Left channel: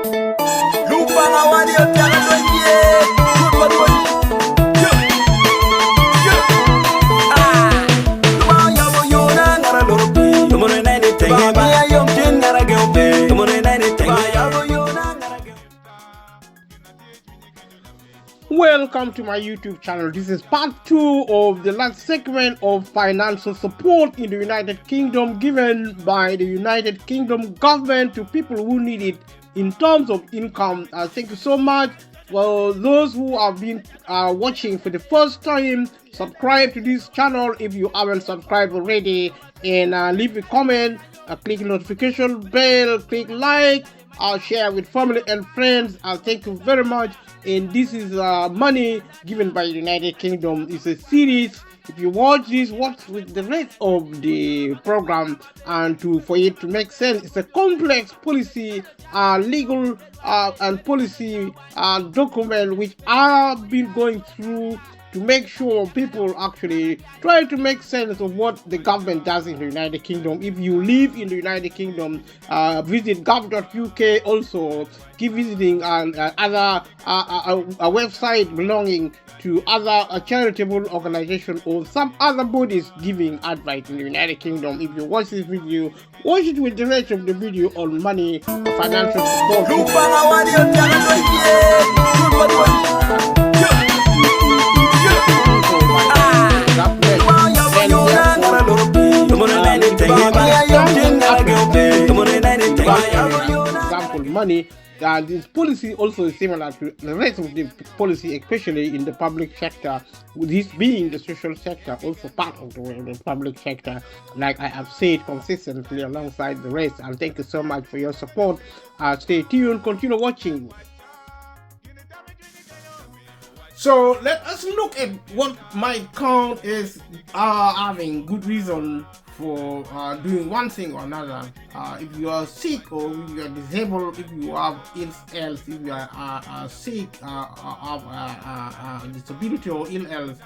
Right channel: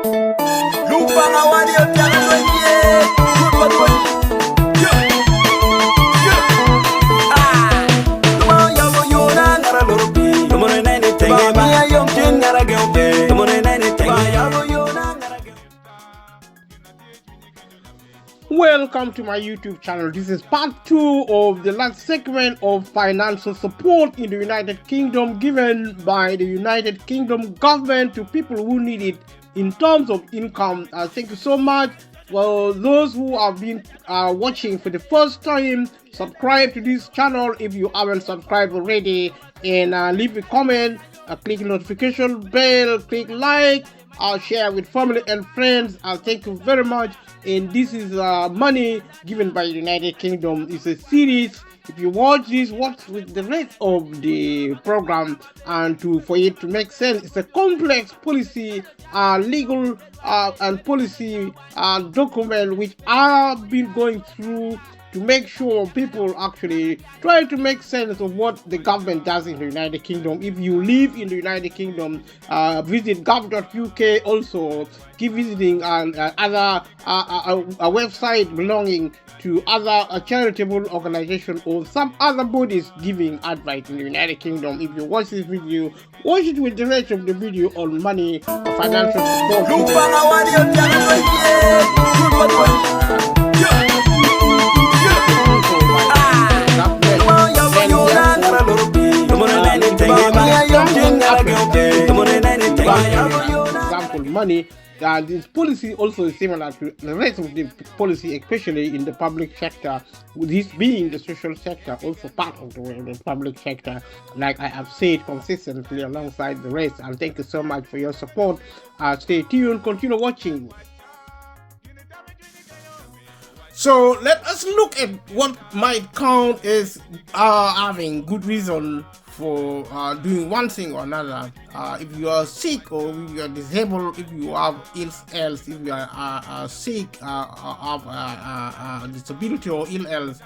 Lupanga wali otanga wenye Kupa doni Tuma yawo yona ngara loropi Tumone naini tenge ba Mia yom jen ngara geope Tumone naini tenge yawo yona ngara geope. Welcome to my YouTube channel. This is part 2 of the last segment of financial support in the United Kingdom given by the United Kingdom government to people who need it in terms of income. Thank you so much. Well, those who have been watching for the first time, subscribe to this channel if you haven't subscribed already, and leave a comment, click notification bell, click like, share with family and friends. Thank you very much. And this is money given by the United Kingdom. It's a series. If you watch this, watch with the rest of the program, and for it to make sense, it's a complex policy, legal and policy document which I've been going through to make sure people actually try to make sense of what the government does in the United Kingdom. If you live in the United Kingdom, visit gov.uk. Also, keep visiting other a website belonging to other charitable organizations or some other bodies giving advice in the United Kingdom. If you watch this video, watch it with the rest of the video on money, financial support. Example, money. This policy also is similar to the rest of the policy, especially in the public sector. This being the social sector, also part of the public sector, like I have said consistently alongside the rest. And thank you so much for your support. Stay tuned, continue watching. So let us look at what might count as having good reason for doing one thing or another. If you are sick or if you are disabled, if you have ill health, if you are sick, have disability or ill health,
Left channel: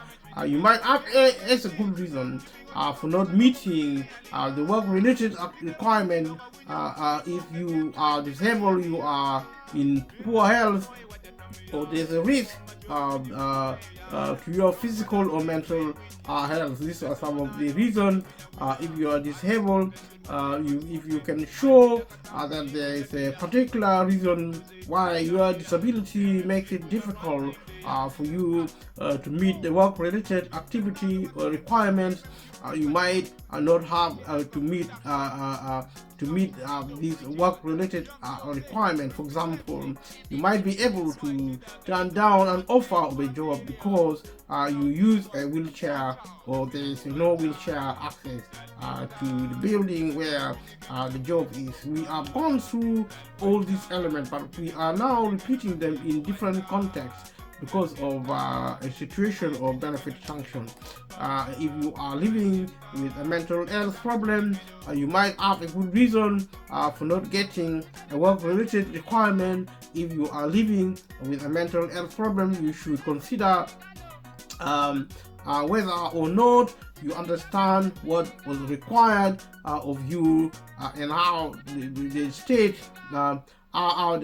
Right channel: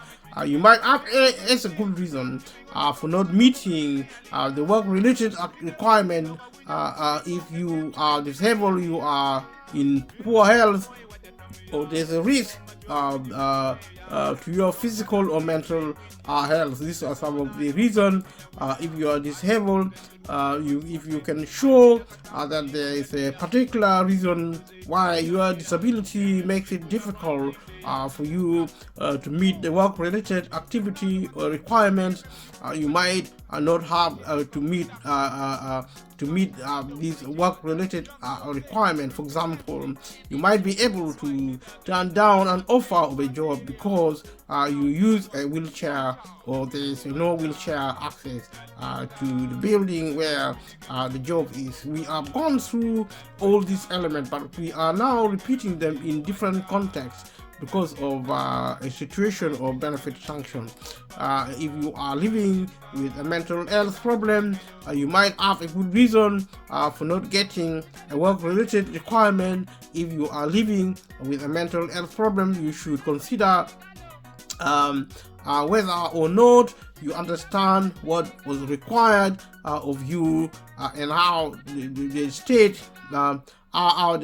you might have as a good reason for not meeting the work-related requirement. If you are disabled, you are in poor health, or there's a risk to your physical or mental health. These are some of the reasons. If you are disabled, if you can show that there is a particular reason why your disability makes it difficult for you to meet the work-related activity or requirements, you might not have to meet these work-related requirements. For example, you might be able to turn down an offer of a job because you use a wheelchair or there is no wheelchair access to the building where the job is. We have gone through all these elements, but we are now repeating them in different contexts because of a situation or benefit function. If you are living with a mental health problem, you might have a good reason for not getting a work-related requirement. If you are living with a mental health problem, you should consider whether or not you understand what was required of you and how the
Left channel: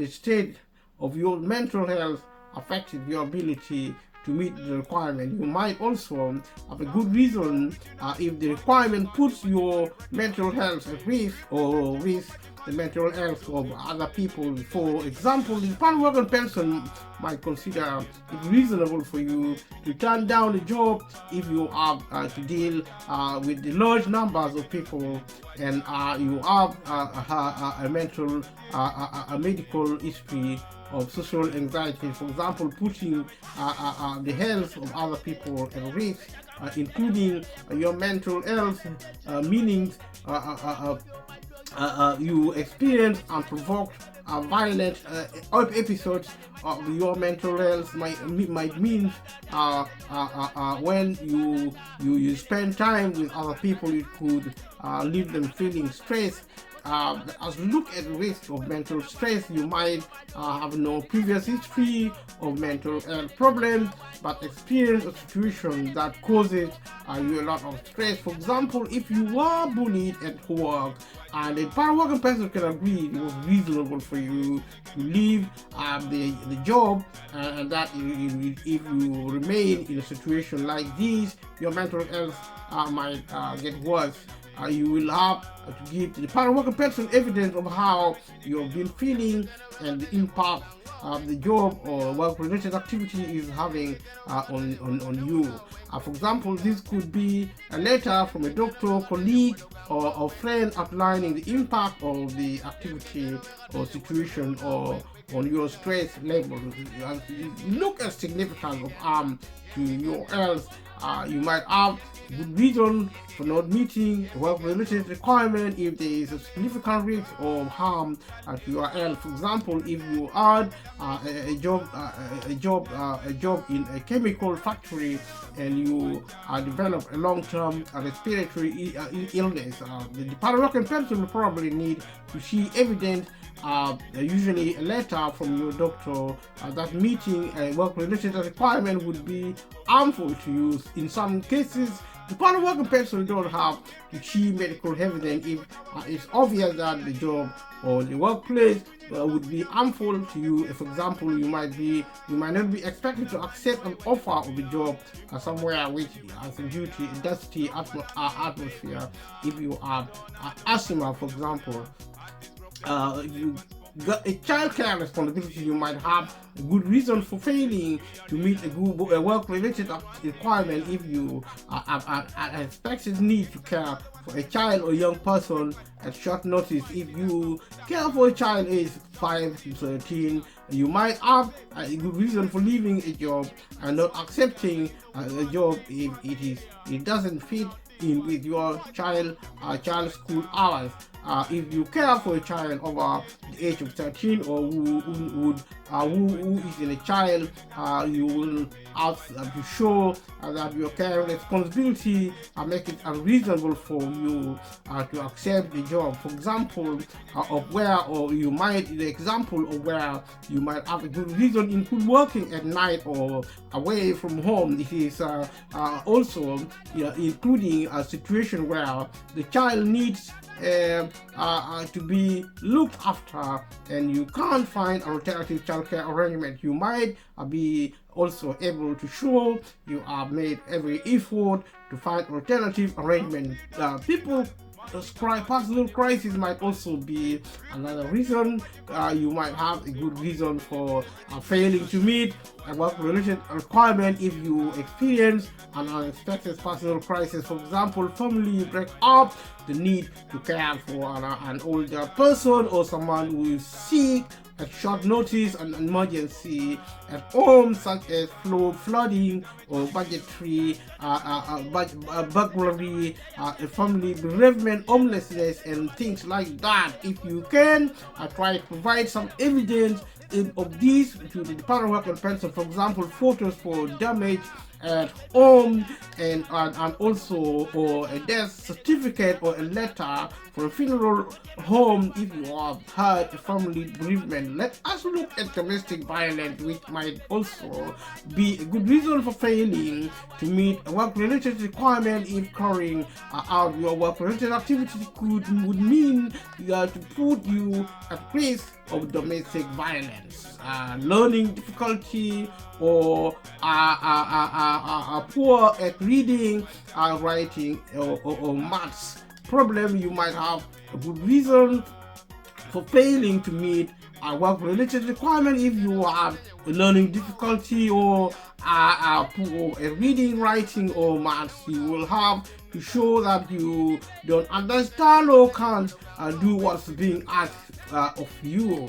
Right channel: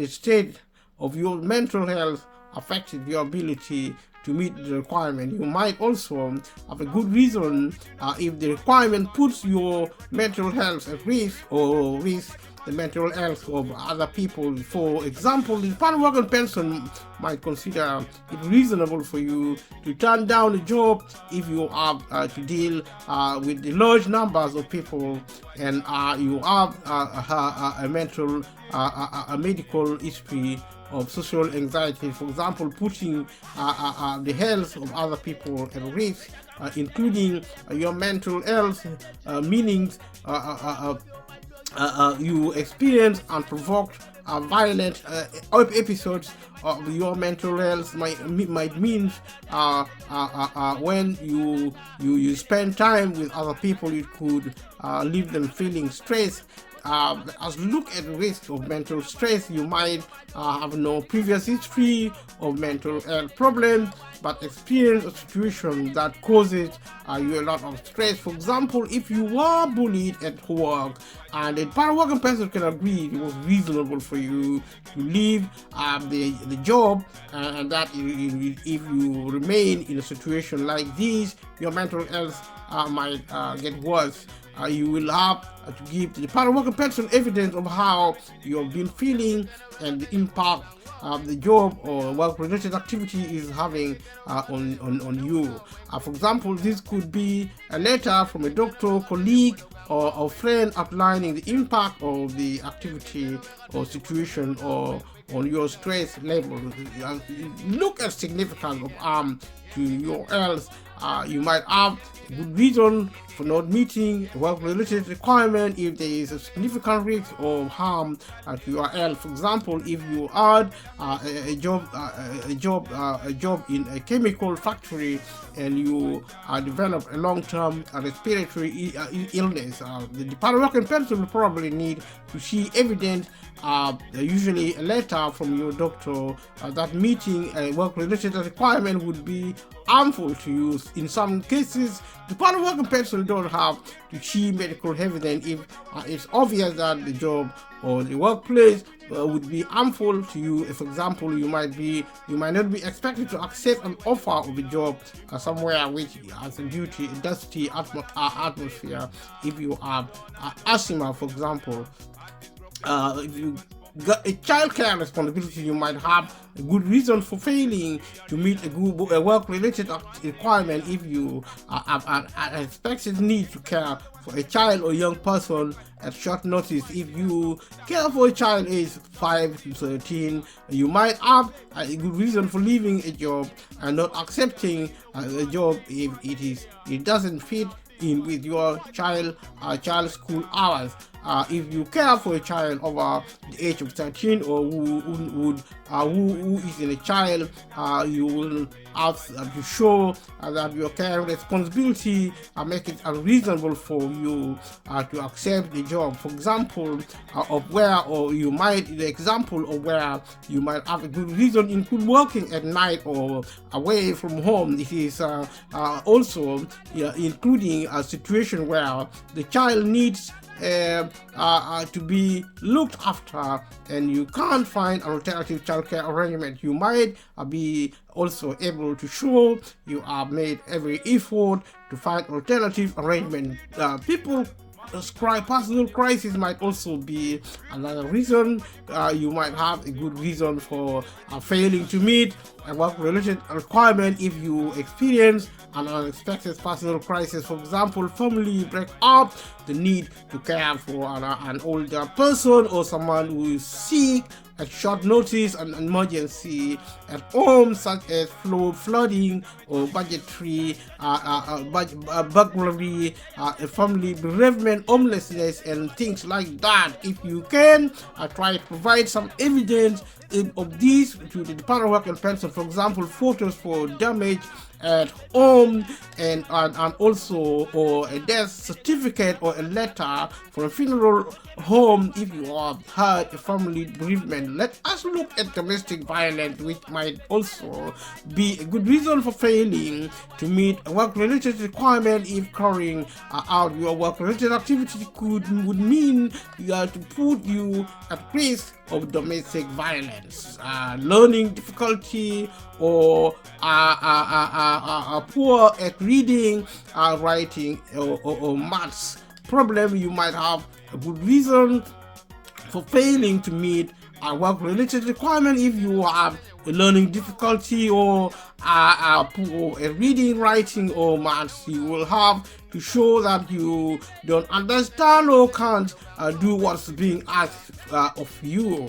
state of your mental health affected your ability to meet the requirement. You might also have a good reason if the requirement puts your mental health at risk or risk the mental health of other people. For example, the Pan-American person might consider it reasonable for you to turn down a job if you have to deal with the large numbers of people and you have a medical history of social anxiety. For example, putting the health of other people at risk, including your mental health, meaning you experience and provoke violent episodes of your mental health might mean when you spend time with other people, it could leave them feeling stressed as we look at the risk of mental stress, you might have no previous history of mental health problems, but experience a situation that causes you a lot of stress. For example, if you were bullied at work, and the working person can agree it was reasonable for you to leave the job, and that if you remain in a situation like this, your mental health might get worse. You will have to give to the working person evidence of how you have been feeling and the impact the job or work-related activity is having on you. For example, this could be a letter from a doctor, colleague, or friend outlining the impact of the activity or situation or on your stress level. Look at significance of harm to your health. You might have good reason for not meeting a work-related requirement if there is a significant risk of harm to your health. For example, if you had a job in a chemical factory and you develop a long-term respiratory illness, the working person will probably need to see evidence, usually a letter from your doctor, that meeting a work-related requirement would be harmful to you. In some cases, the working person don't have to see medical evidence if it's obvious that the job or the workplace would be harmful to you. For example, you might not be expected to accept an offer of a job somewhere which has a dusty atmosphere. If you have asthma, for example, if you got a childcare responsibility, you might have a good reason for failing to meet a work-related requirement if you have an expected need to care for a child or young person at short notice. If you care for a child aged 5 to 13, you might have a good reason for leaving a job and not accepting a job if it doesn't fit in with your child's school hours. If you care for a child over the age of 13 or who is in a child, you will have to show that your care responsibility make it unreasonable for you to accept the job. For example, the example of where you might have a good reason include working at night or away from home. It is also including a situation where the child needs to be looked after and you can't find an alternative childcare arrangement. You might be also able to show you have made every effort to find alternative arrangement. People personal crisis might also be another reason. You might have a good reason for failing to meet a work-related requirement if you experience an unexpected personal crisis. For example, family break up, the need to care for an older person or someone who is sick at short notice, an emergency at home such as flooding or budgetary burglary, a family bereavement, homelessness, and things like that. If you can, try to provide some evidence of these to the Department of Work and Pension. For example, photos for damage at home and also or a death certificate or a letter for a funeral home if you have had a family bereavement. Let us look at domestic violence, which might also be a good reason for failing to meet a work-related requirement. If carrying out your work-related activity would mean to put you at risk of domestic violence, learning difficulty, or poor at reading, writing, or maths problem. You might have a good reason for failing to meet a work-related requirement. If you have a learning difficulty or poor at reading, writing, or maths, you will have to show that you don't understand or can't do what's being asked of you.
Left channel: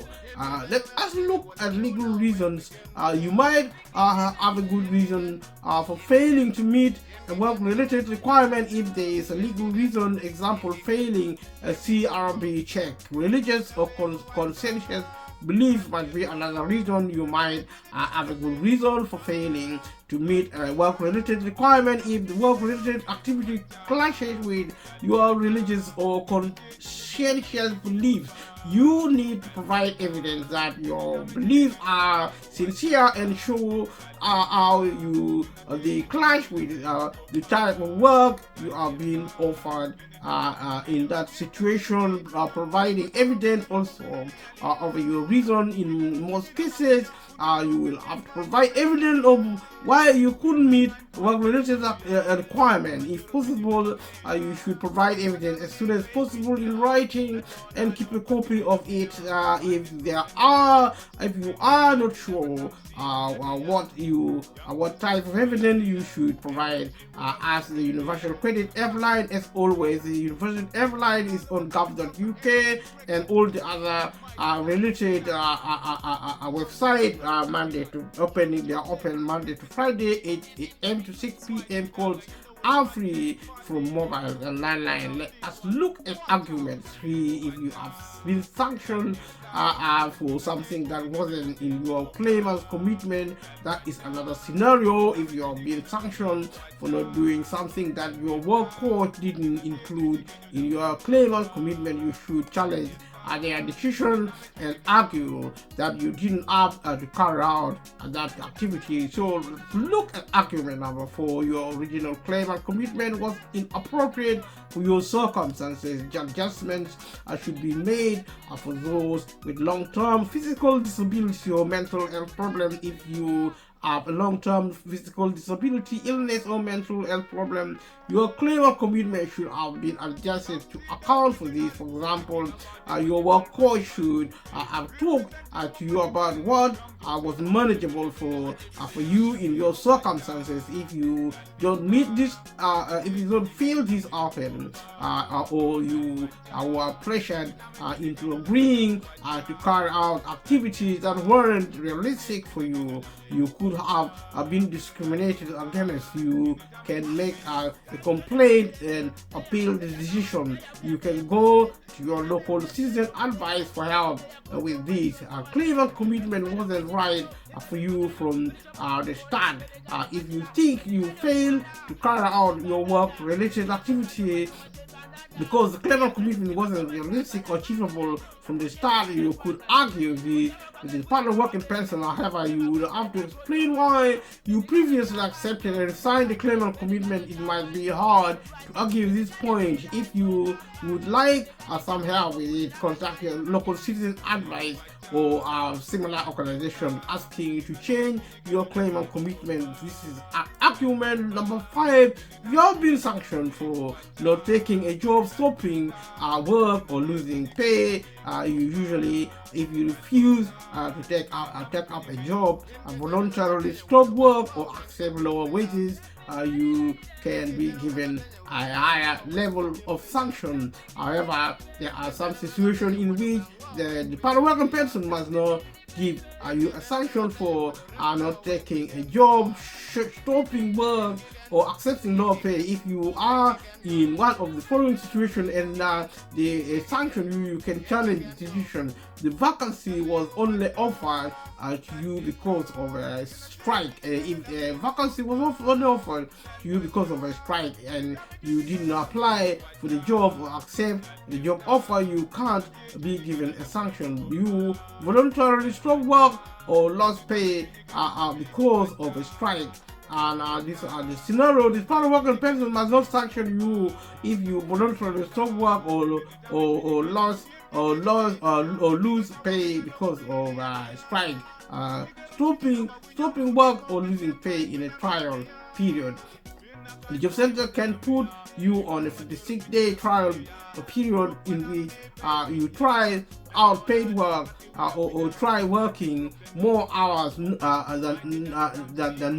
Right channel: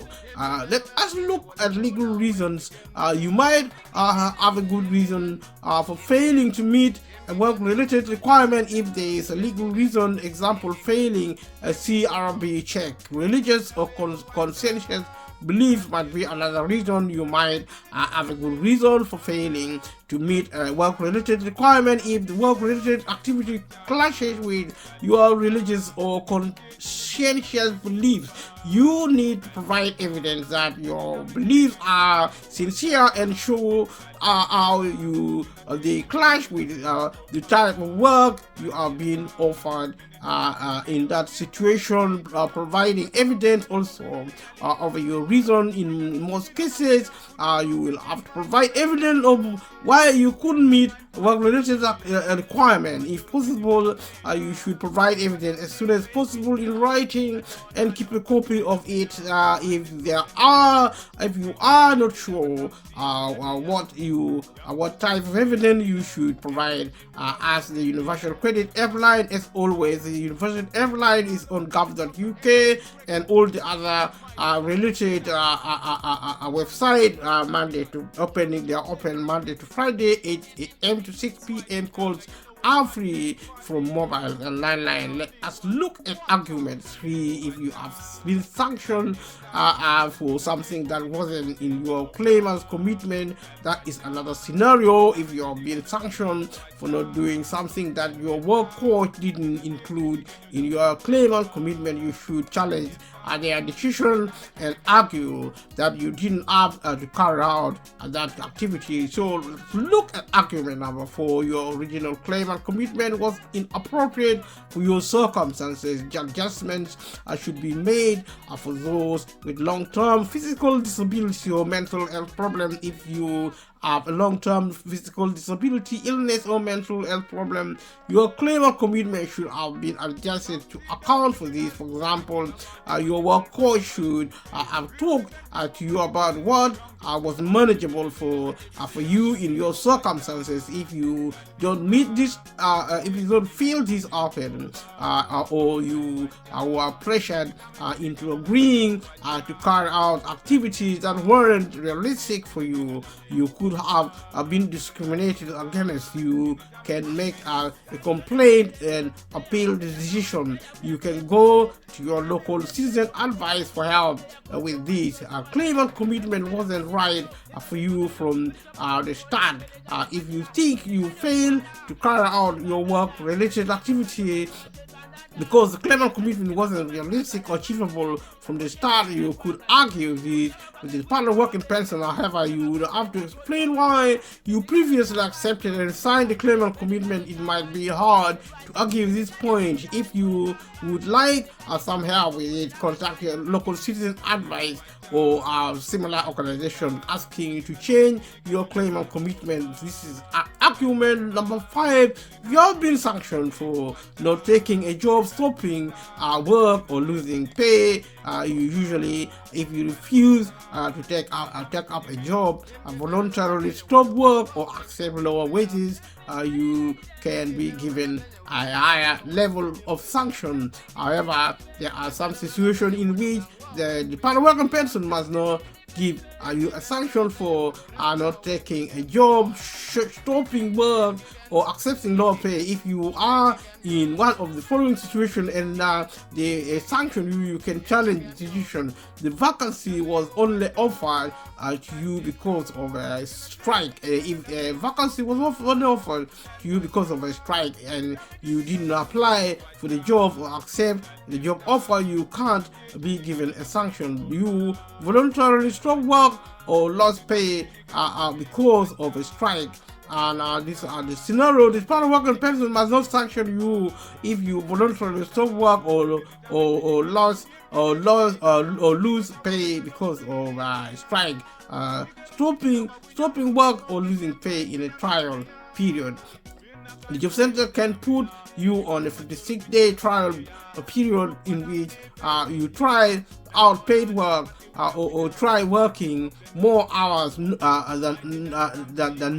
Let us look at legal reasons. You might have a good reason for failing to meet a work-related requirement if there is a legal reason. Example, failing a CRB check. Religious or conscientious belief might be another reason. You might have a good reason for failing to meet a work-related requirement if the work-related activity clashes with your religious or conscientious beliefs. You need to provide evidence that your beliefs are sincere and show how they clash with the type of work you are being offered in that situation. Providing evidence also of your reason. In most cases, you will have to provide evidence of why you couldn't meet work-related requirement. If possible, you should provide evidence as soon as possible in writing and keep a copy of it. If you are not sure what type of evidence you should provide, ask the Universal Credit Helpline. As always, the Universal Helpline is on gov.uk and all the other related website. Monday to opening, they are open Monday to Friday, 8 a.m. to 6 p.m. Calls are free from mobile and landline. Let us look at argument 3. If you have been sanctioned for something that wasn't in your claimant's commitment, that is another scenario. If you are being sanctioned for not doing something that your work coach didn't include in your claimant's commitment, you should challenge their decision and argue that you didn't have to carry out that activity. So look at argument number 4. Your original claim and commitment was inappropriate for your circumstances. Adjustments should be made for those with long-term physical disability or mental health problem. If you have a long-term physical disability, illness, or mental health problem, your claim or commitment should have been adjusted to account for this. For example, your work coach should have talked to you about what was manageable for you in your circumstances. If you don't meet this, if you don't feel this often, or you are pressured into agreeing to carry out activities that weren't realistic for you, you could have been discriminated against. You can make a complaint and appeal the decision. You can go to your local citizen advice for help with this. Claim and commitment wasn't right for you from the start. If you think you failed to carry out your work-related activity because the claim and commitment wasn't realistic or achievable from the start, you could argue with the Department of Work and Pension. However, you would have to explain why you previously accepted and signed the claim and commitment. It might be hard to argue this point. If you would like some help with it, contact your local citizen advice or similar organization asking you to change your claim and commitment. This is argument number 5. You have been sanctioned for not taking a job, stopping work, or losing pay. Usually, if you refuse to take up a job, voluntarily stop work, or accept lower wages, you can be given a higher level of sanction. However, there are some situations in which the Department of Work and Pension must not give you a sanction for not taking a job, stopping work, or accepting low pay. If you are in one of the following situations and they sanction you, you can challenge the decision. The vacancy was only offered to you because of a strike. If a vacancy was only offered to you because of a strike and you didn't apply for the job or accept the job offer, you can't be given a sanction. You voluntarily stop work or lost pay because of a strike. And these are the scenario. The Department of Work and Pension must not sanction you if you voluntarily stop work or lose pay because of strike. Stopping work or losing pay in a trial period. The job center can put you on a 56-day trial period in which you try out paid work or try working more hours than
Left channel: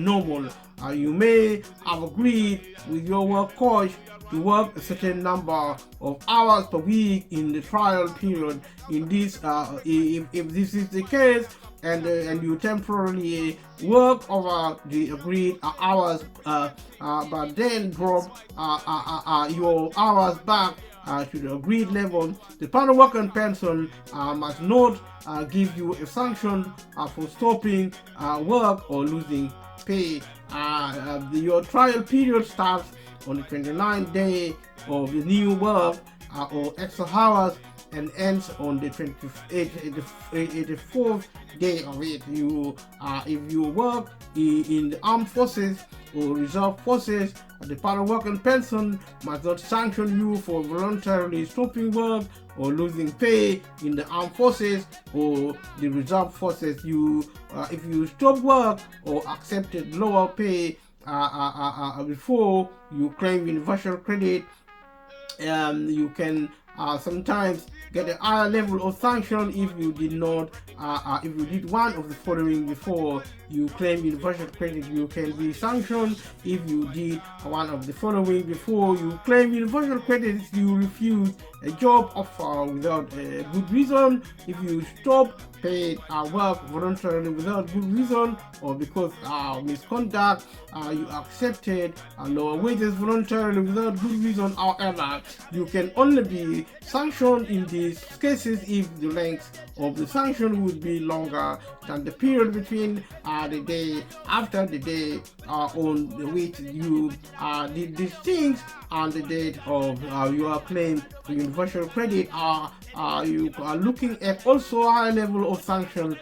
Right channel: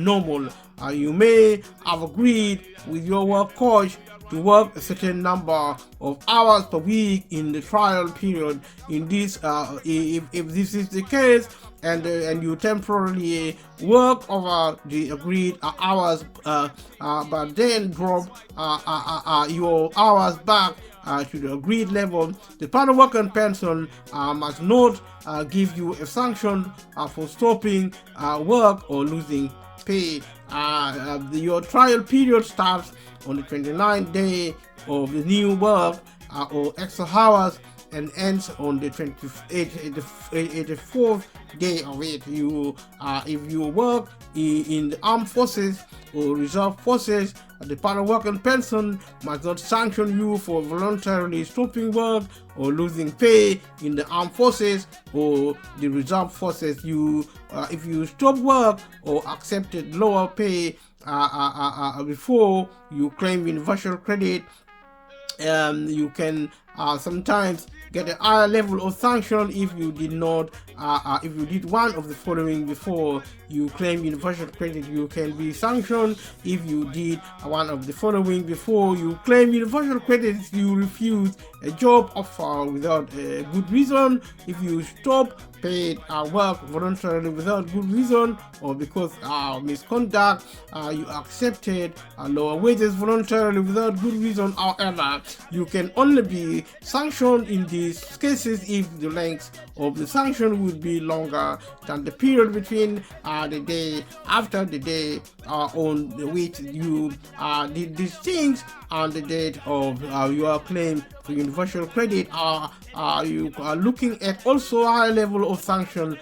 normal. You may have agreed with your work coach to work a certain number of hours per week in the trial period. In this, if this is the case, and you temporarily work over the agreed hours, but then drop your hours back to the agreed level, the Department of Work and Pension must not give you a sanction for stopping work or losing pay. your trial period starts on the 29th day of the new work or extra hours and ends on the 84th day of it. If you work in the armed forces or reserve forces, the Department of Work and Pension must not sanction you for voluntarily stopping work or losing pay in the armed forces or the reserve forces. If you stop work or accepted lower pay before you claim universal credit, you can sometimes get a higher level of sanction if you did not, if you did one of the following before you claim universal credit. You can be sanctioned if you did one of the following before you claim universal credit: if you refuse a job offer without a good reason, if you stop paid work voluntarily without good reason, or because misconduct, you accepted lower wages voluntarily without good reason. However, you can only be sanctioned in these cases if the length of the sanction would be longer than the period between the day after the day on which you did these things and the date of your claim for universal credit. You are looking at also a high level of sanctions,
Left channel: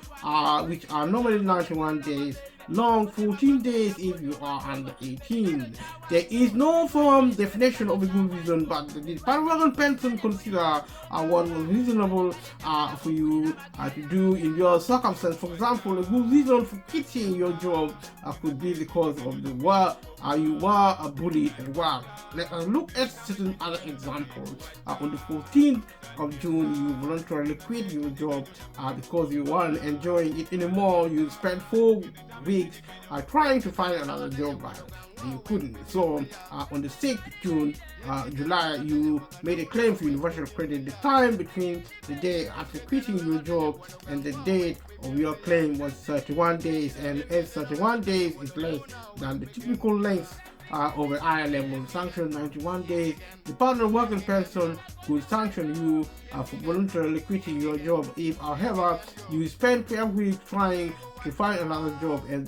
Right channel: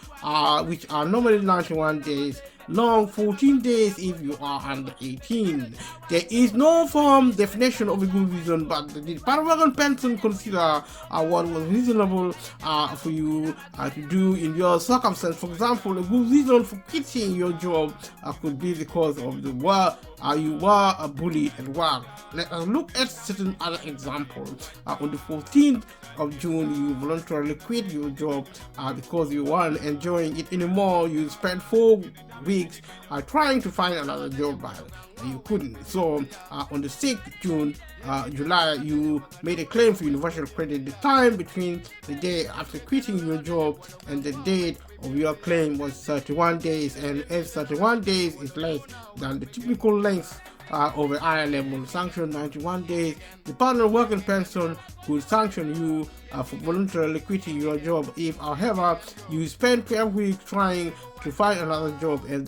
which are normally 91 days long, 14 days if you are under 18. There is no firm definition of a good reason, but the Department of Pension consider one reasonable for you to do in your circumstance. For example, a good reason for quitting your job could be because of the work you were bullied at work. Let us look at certain other examples. On the 14th of June, you voluntarily quit your job because you weren't enjoying it anymore. You spent 4 weeks trying to find another job, but you couldn't. So on the 6th of July, you made a claim for universal credit. The time between the day after quitting your job and the date of your claim was 31 days, and as 31 days is less than the typical length of a higher level sanction, 91 days, the Department of Work and Pension could sanction you for voluntarily quitting your job if, however, you spend 12 weeks trying to find another job and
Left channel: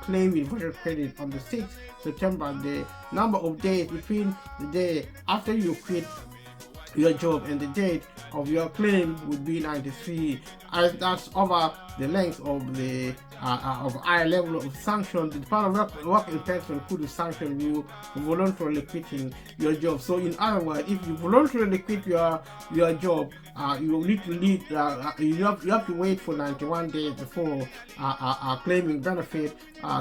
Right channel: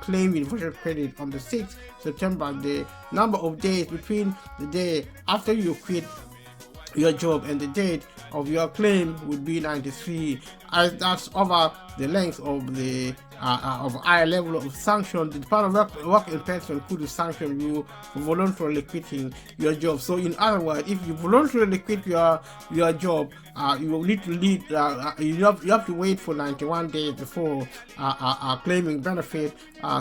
claim universal credit on the 6th September. The number of days between the day after you quit your job and the date of your claim would be 93, as that's over the length of the of higher level of sanction. The Department of Work and Pension could sanction you for voluntarily quitting your job. So in other words, if you voluntarily quit your job, you will need to lead, you have to wait for 91 days before claiming benefit.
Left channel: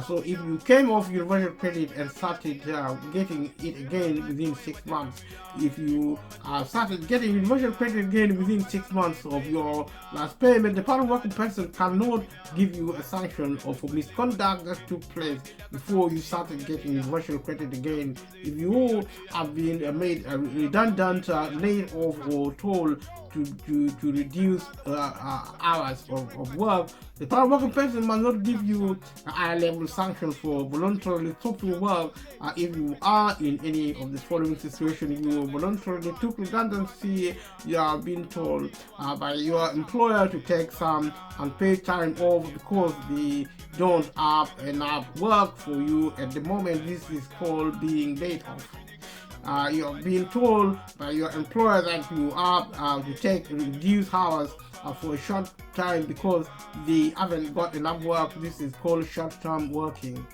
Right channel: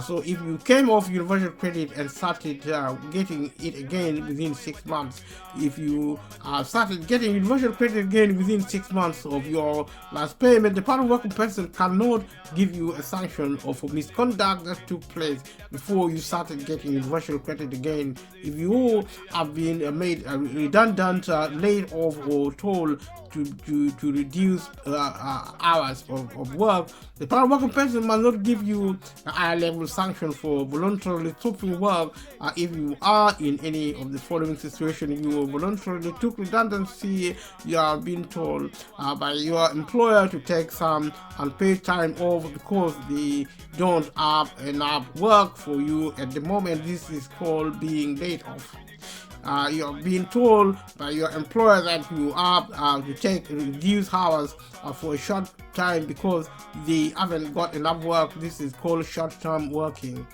So if you came off universal credit and started getting it again within 6 months, if you started getting universal credit again within 6 months of your last payment, the Department of Work and Pension cannot give you a sanction of misconduct that took place before you started getting universal credit again. If you have been made redundant, laid off, or told to reduce hours of work, the Department of Work and Pension must not give you a higher level sanction for voluntarily stopping work if you are in any of the following situations. You voluntarily took redundancy, you are being told by your employer to take some unpaid time off because they don't have enough work for you at the moment. This is called being laid off. You're being told by your employer that you have to take reduced hours for a short time because they haven't got enough work. This is called short-term working.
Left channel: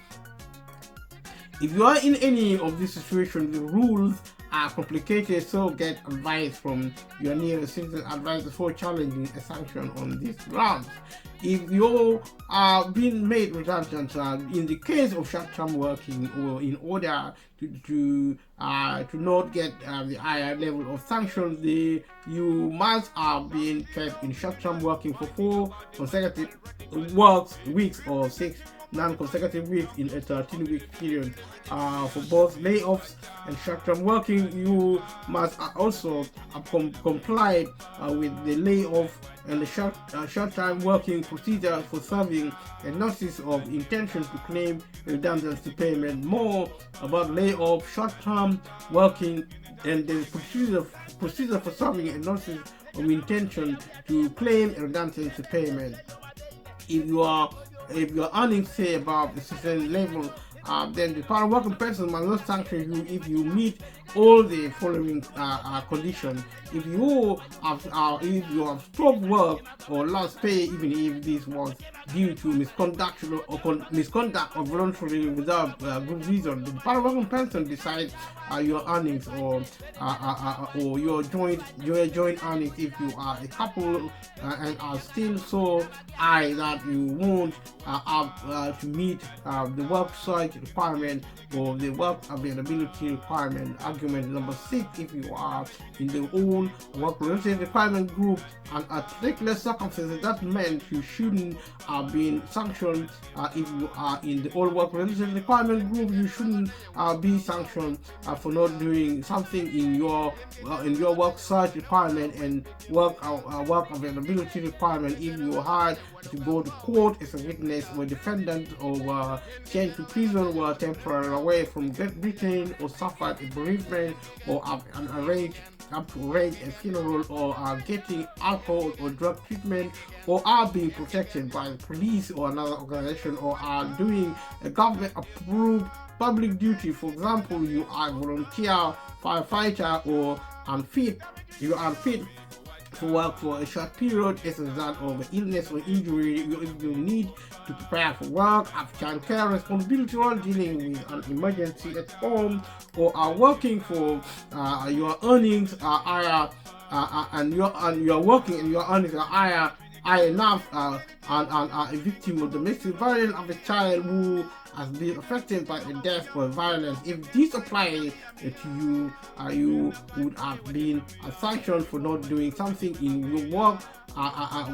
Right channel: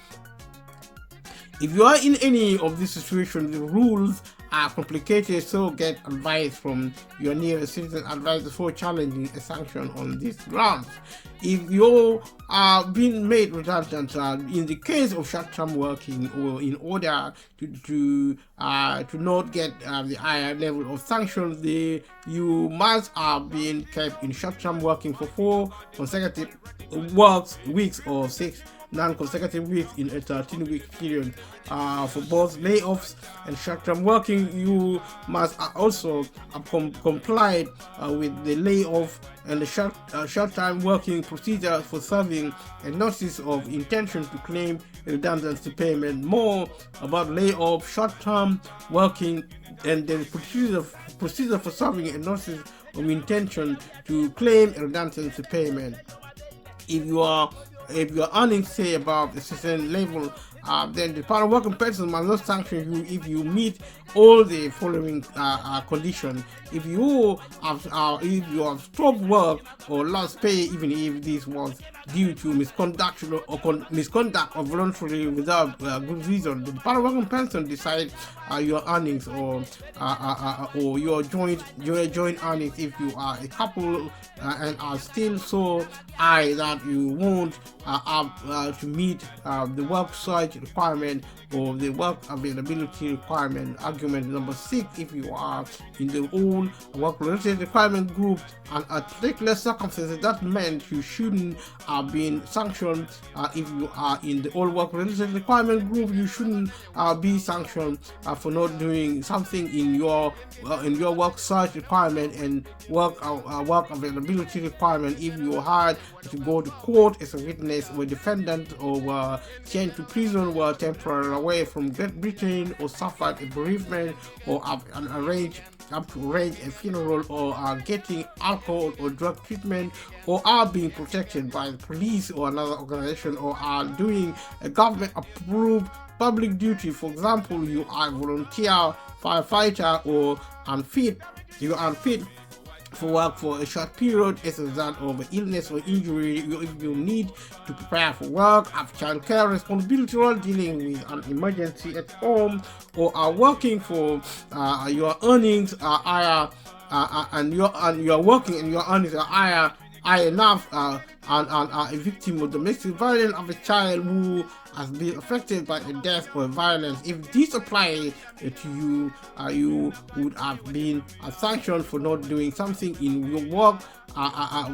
If you are in any of these situations, the rules are complicated, so get advice from your nearest citizen advisor before challenging a sanction on these grounds. If you are being made redundant in the case of short-term working, or in order to not get the higher level of sanctions, you must have been kept in short-term working for 4 consecutive weeks or 6 non-consecutive weeks in a 13-week period. For both layoffs and short-term working, you must also comply with the layoff and the short-time working procedure for serving a notice of intention to claim redundancy payment. More about layoff, short-term working, and the procedure for serving a notice of intention to claim redundancy payment. If you are earning, say, above a certain level then the Department of Work and Pensions must not sanction you if you meet all the following conditions. If you have stopped work or lost pay, even if this was due to misconduct or voluntarily without good reason, the Department of Work and Pensions decide your earnings or your joint earnings. If you are a couple and are still so high that you won't have to meet the work search requirement or the work availability requirement. Argument number 6, if you are in the own work related requirement group and at particular circumstances, that meant you shouldn't have been sanctioned. If you are in the old work related requirement group, you shouldn't be sanctioned for not doing something in your work search requirement and work availability requirement. If you had to go to court as a witness or defendant or were sent to prison, were temporarily away from Great Britain, or suffered a bereavement, or have arranged a funeral, or are getting alcohol or drug treatment, or are being protected by the police or another organization, or are doing a government approved public duty. For example, you are a volunteer firefighter or you are unfit for work for a short period as a result of illness or injury. If you need to prepare for work, have childcare responsibility, or dealing with an emergency at home, or are working for your earnings are higher, and you're working and your earnings are higher enough, and are a victim of domestic violence of a child who has been affected by a death or violence. If this applies to you, you would have been sanctioned for not doing something in your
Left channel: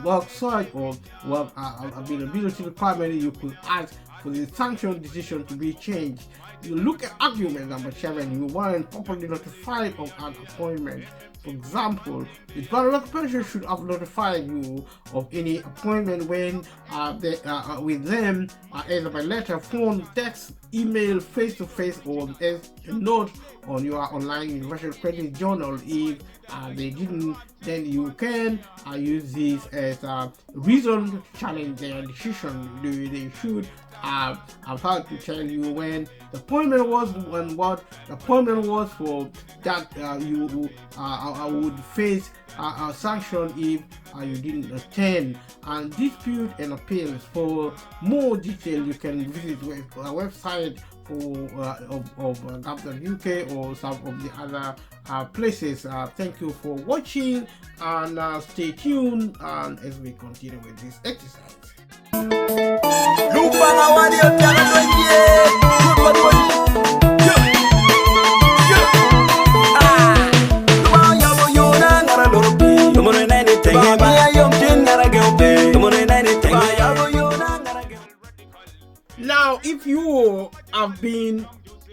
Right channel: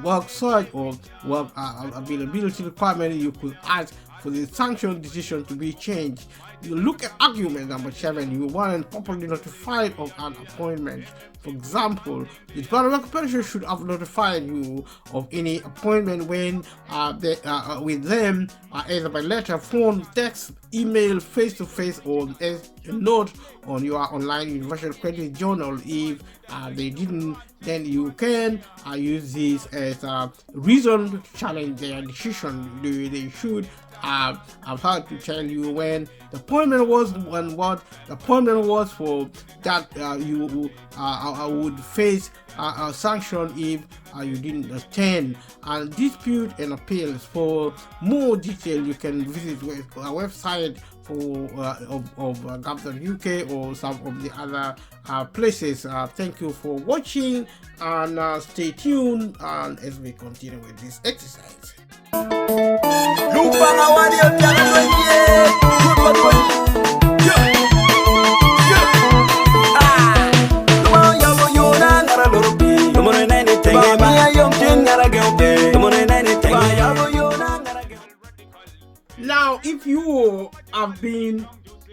work search or work availability requirement. You could ask for the sanction decision to be changed. You look at argument number 7. You weren't properly notified of an appointment. For example, the Department of Pensions should have notified you of any appointment when with them, either by letter, phone, text, email, face-to-face, or as a note on your online universal credit journal. If they didn't, then you can use this as a reason to challenge their decision. They should have had to tell you when the appointment was and what the appointment was for, that you would face a sanction if you didn't attend. And dispute and appeals. For more detail, you can visit our website of gov.uk or some of the other places. Thank you for watching, and stay tuned and as we continue with this exercise. Now, if you have been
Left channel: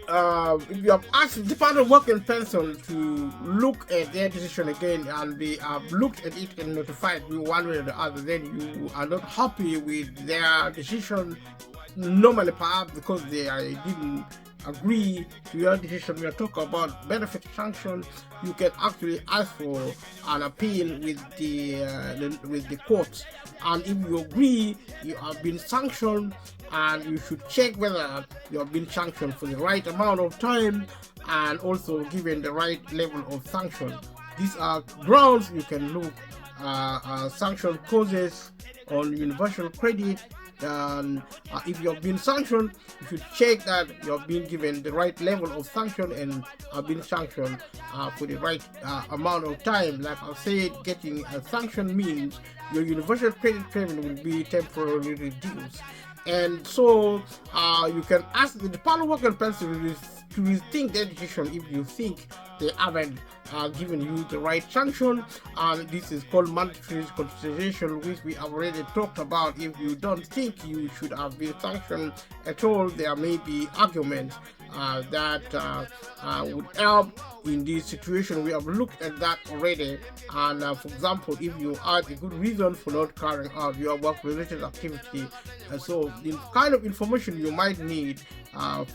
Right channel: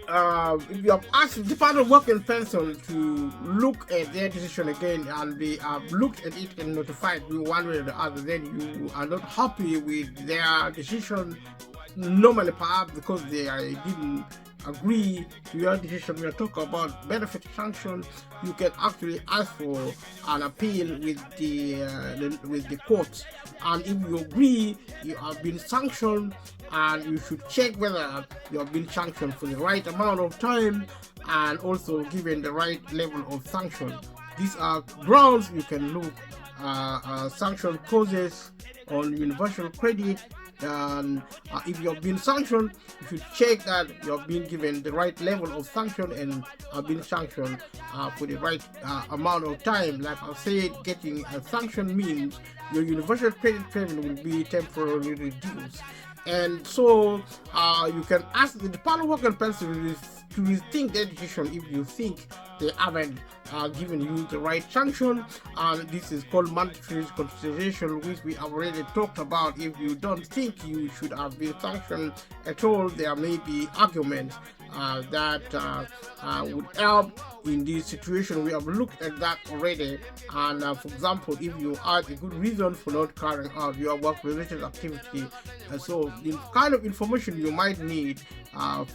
if you have asked the Department of Work and Pensions to look at their decision again, and they have looked at it and notified you one way or the other, then you are not happy with their decision, normally perhaps because they didn't agree to your decision. We are talking about benefit sanction. You can actually ask for an appeal with the courts, and if you agree you have been sanctioned, and you should check whether you have been sanctioned for the right amount of time and also given the right level of sanction. These are grounds you can look sanction causes on universal credit. And if you have been sanctioned, you should check that you have been given the right level of sanction and have been sanctioned for the right amount of time. Like I said, getting a sanction means your universal credit payment will be temporarily reduced. And so you can ask the Department of Work and Pensions to rethink their decision if you think they haven't given you the right sanction. And this is called mandatory consideration, which we have already talked about. If you don't think you should have been sanctioned at all, there may be arguments that would help in this situation. We have looked at that already. And for example, if you had a good reason for not carrying out your work-related activity, so the kind of information you might need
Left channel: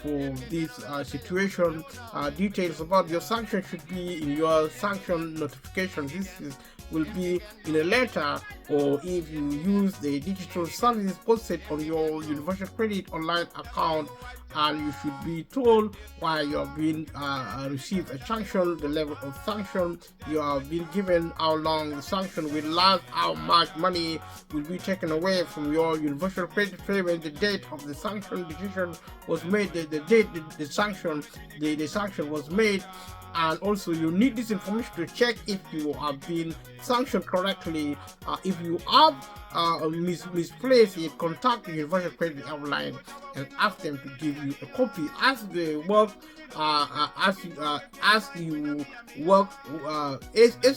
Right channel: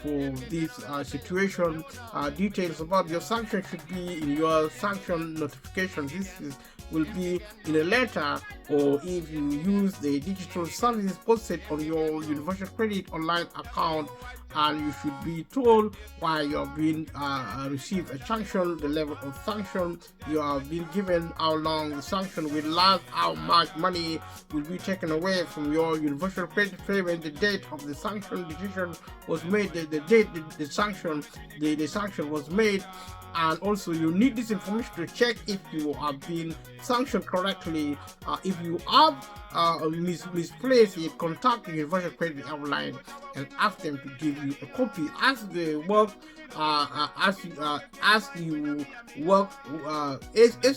for this situation, details about your sanction should be in your sanction notification. This is will be in a letter, or if you use the digital services posted on your universal credit online account, and you should be told why you have been received a sanction, the level of sanction you have been given, how long the sanction will last, how much money will be taken away from your universal credit payment, the date of the sanction decision was made, the date the sanction was made. And also you need this information to check if you have been sanctioned correctly. If you have misplaced it, contact the Universal Credit Hotline and ask them to give you a copy. As they work, as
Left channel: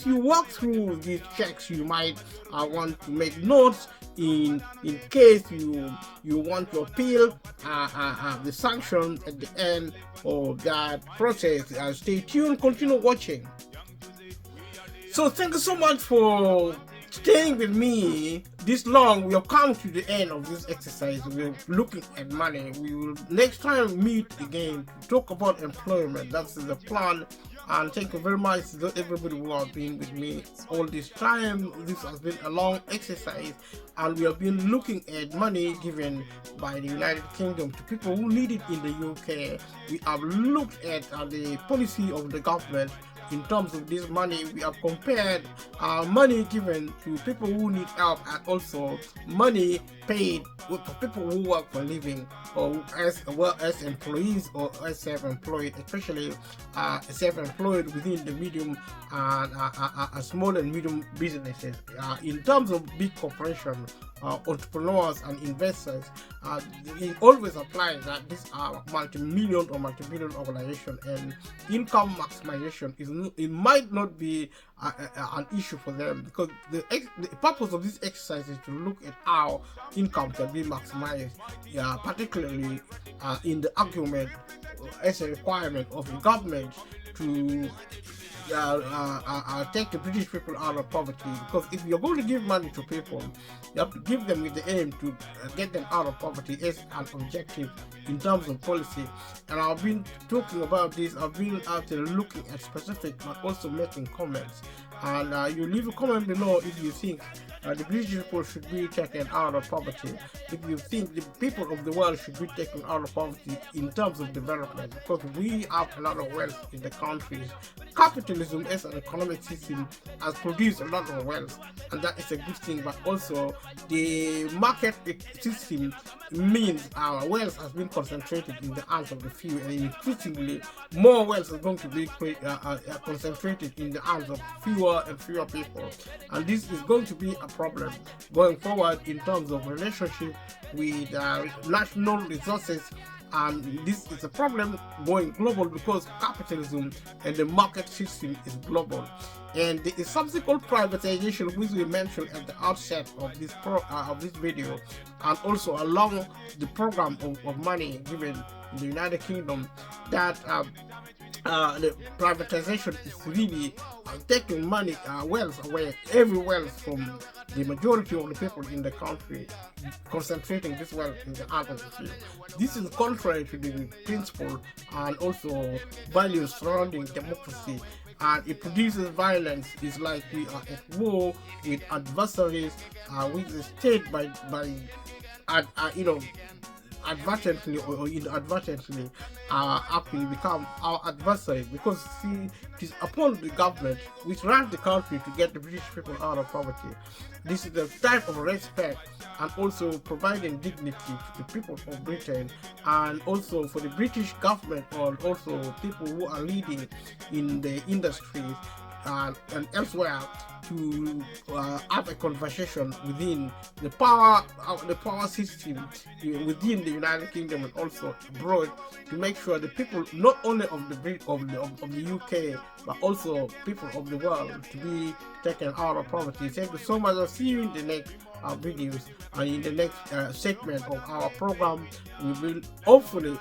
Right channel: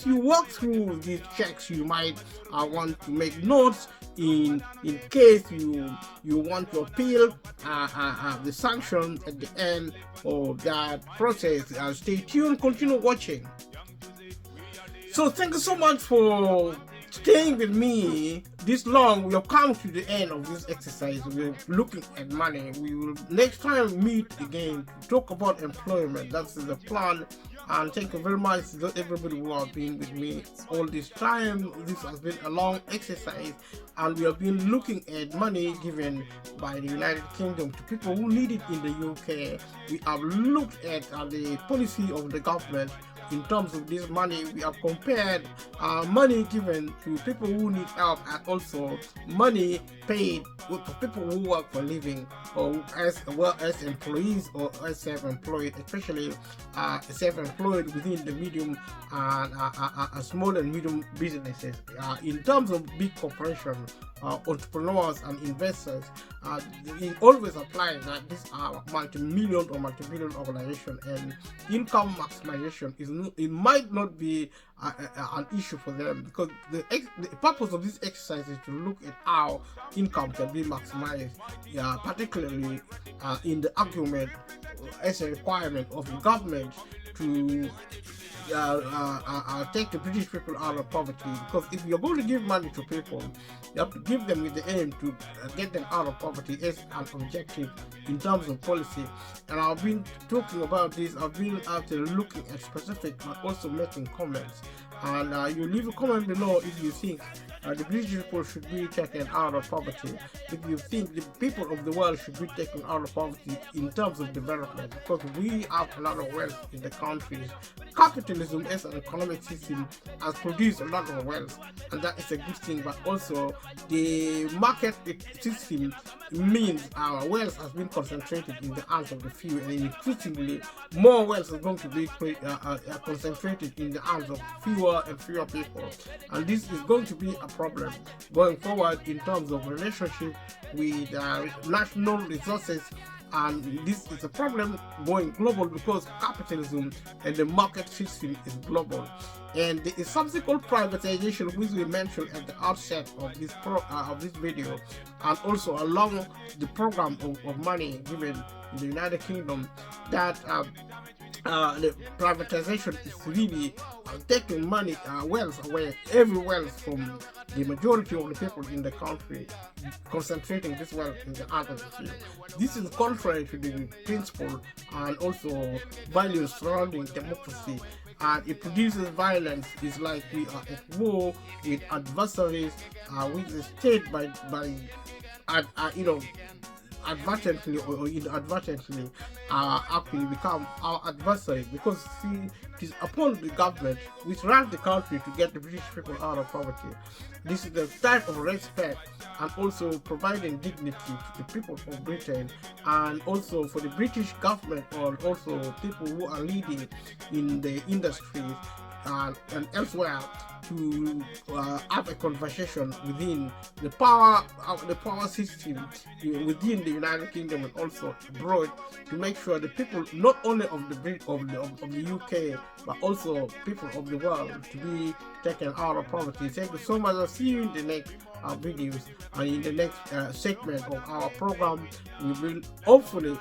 you work through these checks, you might want to make notes in case you want to appeal the sanction at the end of that process. Stay tuned, continue watching. So thank you so much for staying with me this long. We have come to the end of this exercise. We're looking at money. We will next time meet again to talk about employment. That's the plan. And thank you very much to everybody who have been with me all this time. This has been a long exercise, and we have been looking at money given by the United Kingdom to people who need it in the UK. We have looked at the policy of the government in terms of this money. We have compared money given to people who need help, and also money paid to people who work for a living, or as employees or as self-employed, especially self-employed within the medium and small and medium businesses. In terms of big corporations, entrepreneurs and investors, it always applies that these are multi-million or multi-billion organizations, and income maximization it might not be an issue for them, because the purpose of this exercise is to look at how income can be maximized, particularly in the argument as a requirement of the government to take the British people out of poverty. Because if you're going to give money to people, you have to give them with the aim to get them out of poverty as an objective in terms of policy. And I've been talking about this. I've been out there looking at specific, but also making comments. And you leave a comment below if you think the British people should be taken out of poverty, if you think the people of the world should be taken out of poverty in terms of development, because we have a lot of wealth in the country. Capitalism as an economic system has produced a lot of wealth, and that is a good thing, but also the market system means our wealth has been concentrated in the hands of the few, and increasingly more wealth is going to be concentrated in the hands of fewer and fewer people, and this is going to be a problem going forward in terms of relationship with national resources. And this is a problem going global because capitalism and the market system is global. And the subsequent privatization, which we mentioned at the outset of this video, and also along the program of money given in the United Kingdom, that the privatization is really taking money, wealth away, every wealth from the majority of the people in the country, concentrating this wealth in the hands of the few. This is contrary to the principle and also values surrounding democracy, and it produces violence. It's like we are at war with adversaries, with the state by advertently or inadvertently actually become our adversary, because it is upon the government which runs the country to get the British people out of poverty. This is the type of respect and also providing dignity to the people of Britain, and also for the British government, or also people who are leading in the industry and elsewhere, to have a conversation within the power system within the United Kingdom and also abroad, to make sure the people not only of the UK but also people of the world to be taken out of poverty. Thank you so much. I'll see you in the next videos, and in the next segment of our program we will hopefully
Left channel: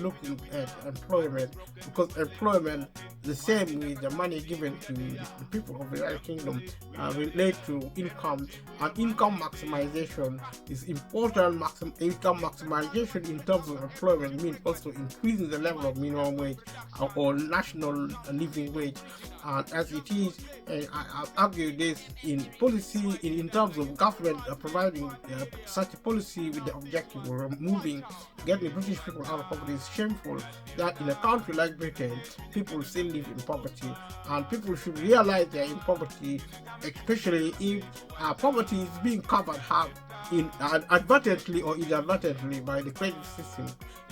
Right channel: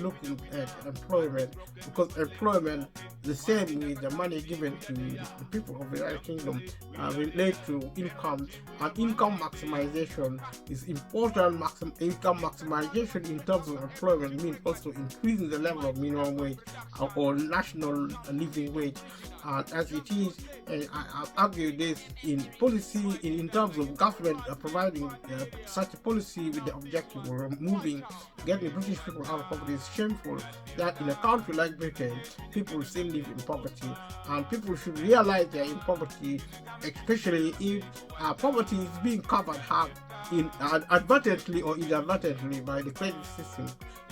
looking at employment, because employment the same with the money given to the people of the United Kingdom relate to income, and income maximization is important. Income maximization in terms of employment means also increasing the level of minimum wage or national living wage, as it is. And I argue this in policy, in terms of government providing such a policy with the objective of removing, getting British people out of poverty is shameful. That in a country like Britain, people still live in poverty, and people should realize they're in poverty, especially if poverty is being covered half advertently or inadvertently by the credit system.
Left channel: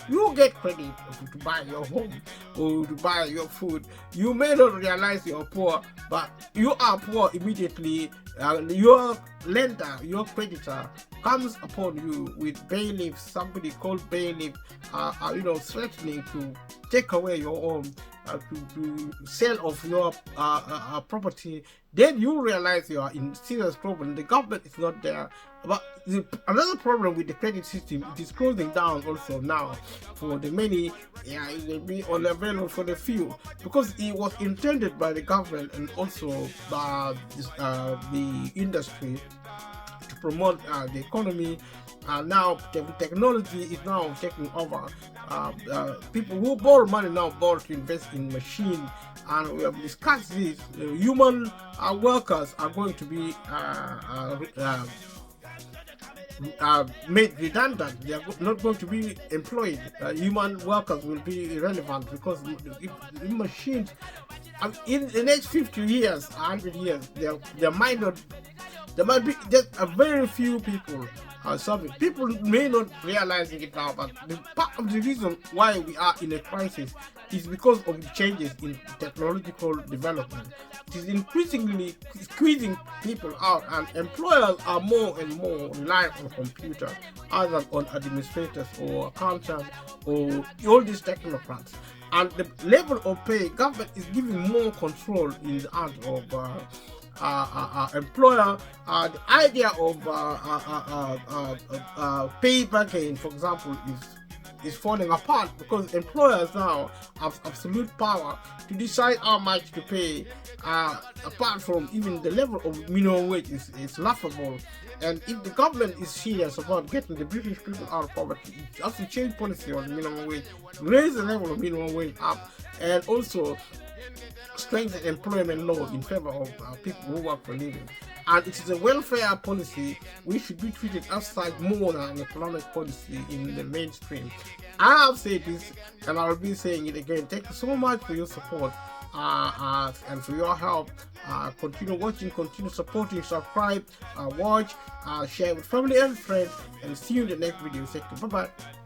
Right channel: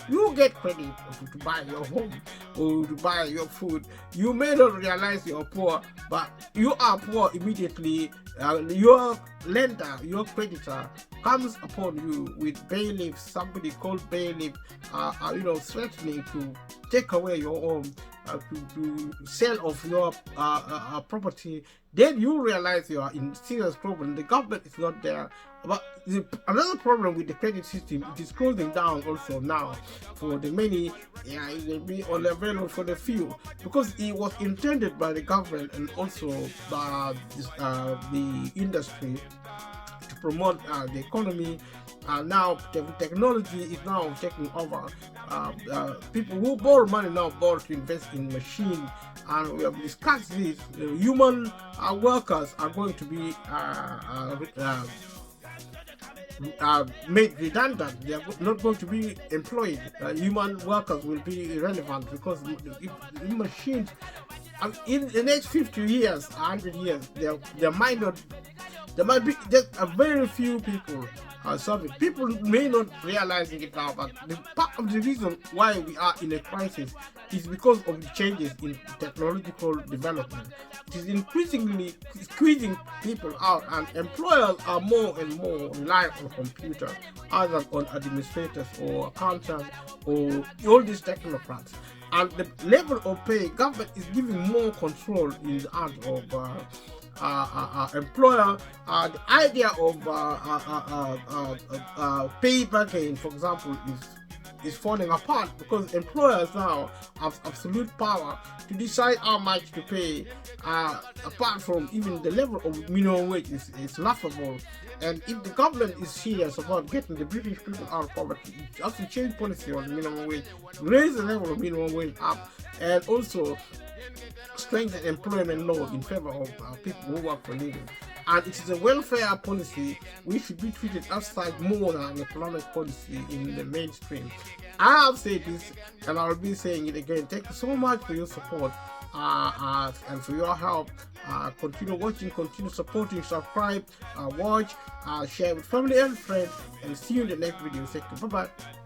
You get credit to buy your home or to buy your food. You may not realize you're poor, but you are poor immediately. Your lender, your creditor, comes upon you with bailiffs, somebody called bailiff, threatening to take away your home, to sell off your property. Then you realize you are in serious problem. The government is not there. But another problem with the credit system, it is closing down also now for the many. It will be unavailable for the few, because it was intended by the government and also by the industry to promote the economy. Now the technology is now taking over. People who borrow money now borrow to invest in machines, and we have discussed this. Human workers are going to be made redundant. They are not going to be employed. Human workers will be irrelevant, because if machines, in the next 50 years, 100 years, there might be just a very few people serving. People may not realizing it now, but part of the reason why we are in a crisis is because of the changes in technological development. It is increasingly squeezing people out, and employers are more and more reliant on computers other than on administrators or accountants or all these technocrats. And the level of pay, government is giving more control in the hands of employer. The idea of pay bargain, for example, is falling apart, because employers now have absolute power to decide how much to pay. Apart from even the level of minimum wage is laughable. And if the government is serious about getting the British people out of poverty, it has to change policy on the minimum wage, raise the level of minimum wage up, and also strengthen employment law in favor of people who work for a living. And it is a welfare policy which should be treated outside more than an economic policy in the mainstream. I have said this, and I will be saying it again. Thank you so much for your support and for your help. Continue watching, continue supporting, subscribe, watch, share with family and friends, and see you in the next video. Thank you. Bye bye.